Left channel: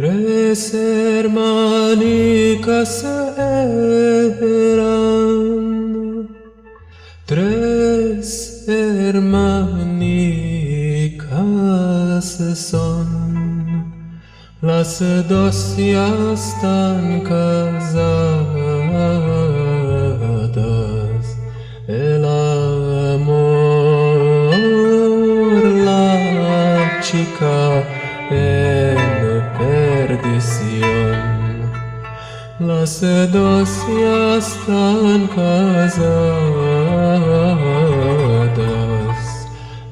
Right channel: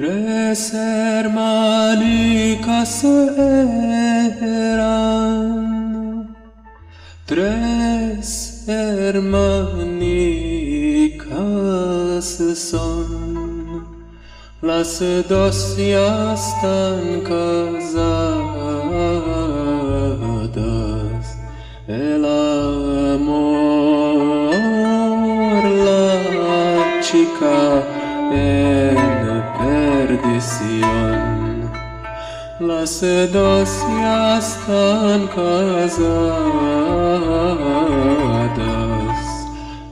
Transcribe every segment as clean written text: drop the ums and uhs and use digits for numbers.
Tres hermanicas eran, tres hermanicas son, las dos ya están casadas. El amor, la chica en perdición, las dos ya están casadas.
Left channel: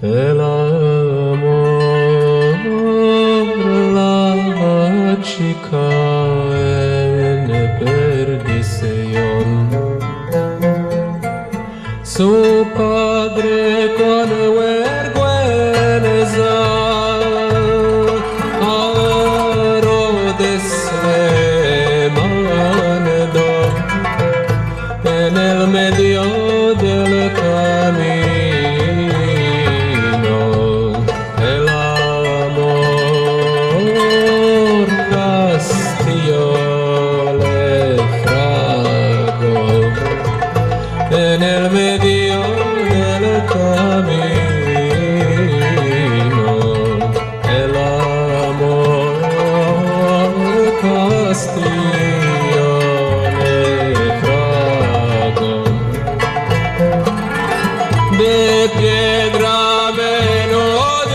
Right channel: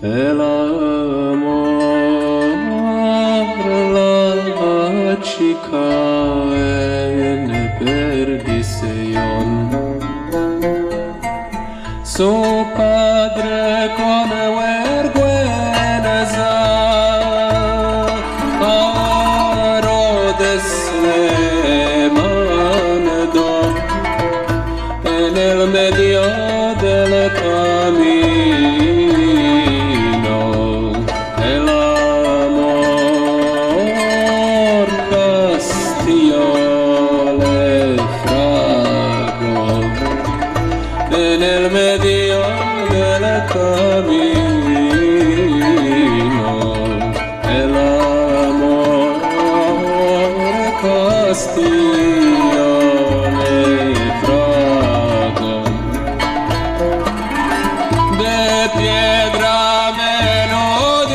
El amor, la chica en perdición. Su padre con vergüenza le mandó en el medio del camino. El amor castillo le fragó en el medio del camino. El amor castillo le fragó de piedra melódica,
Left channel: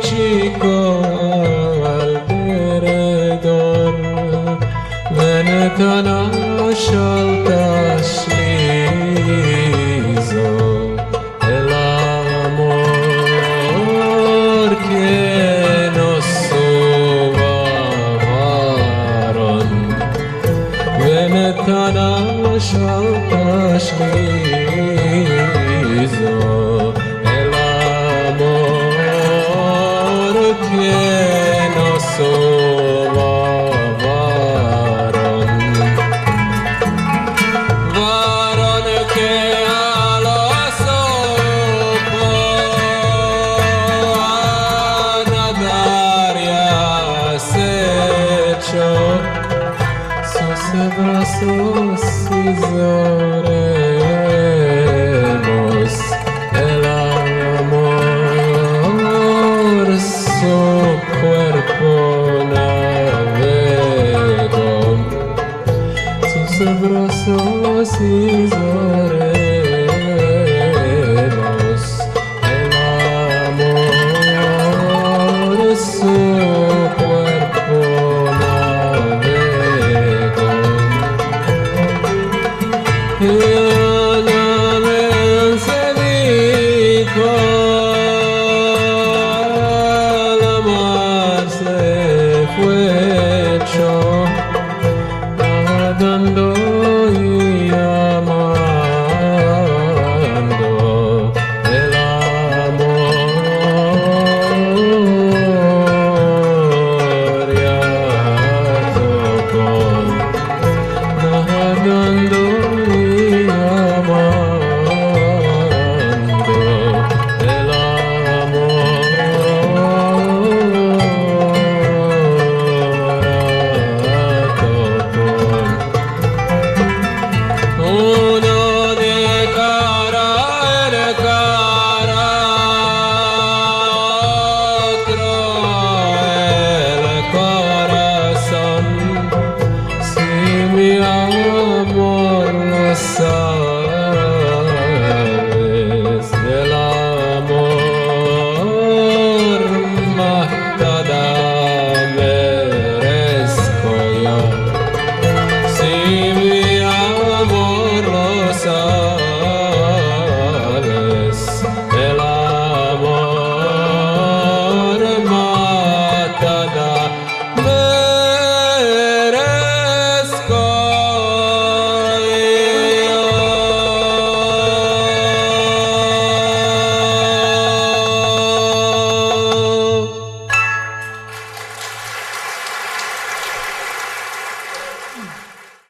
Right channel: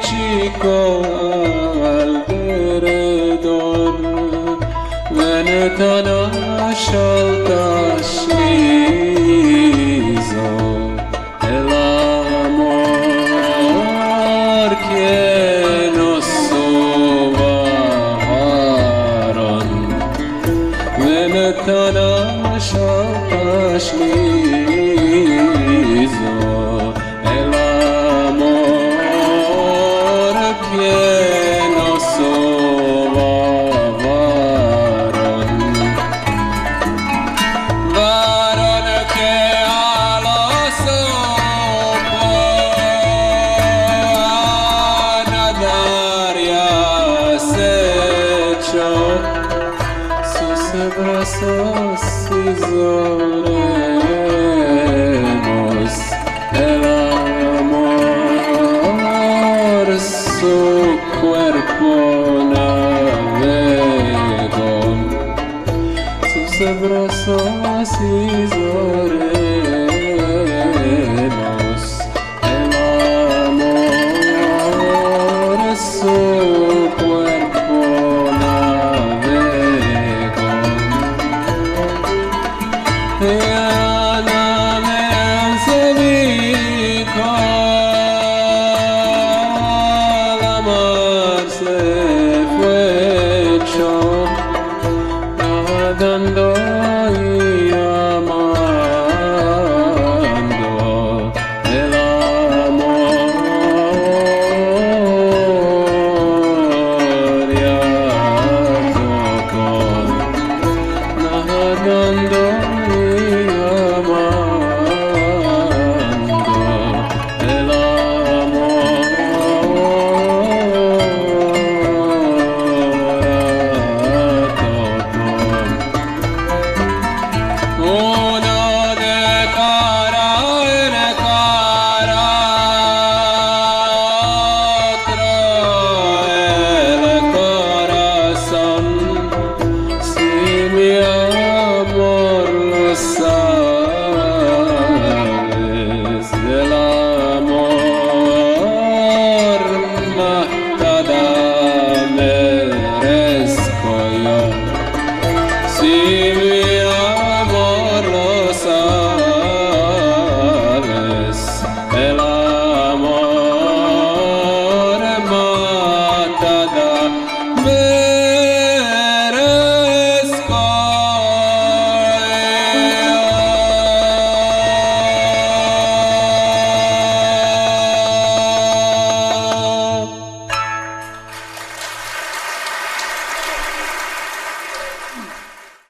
chico alrededor, ventana alta slizo. El amor que nos sobaron, ventana alta slizo. El amor que nos sobaron, varón que a los sus brazos oremos. El amor su cuerpo navegó, sus brazos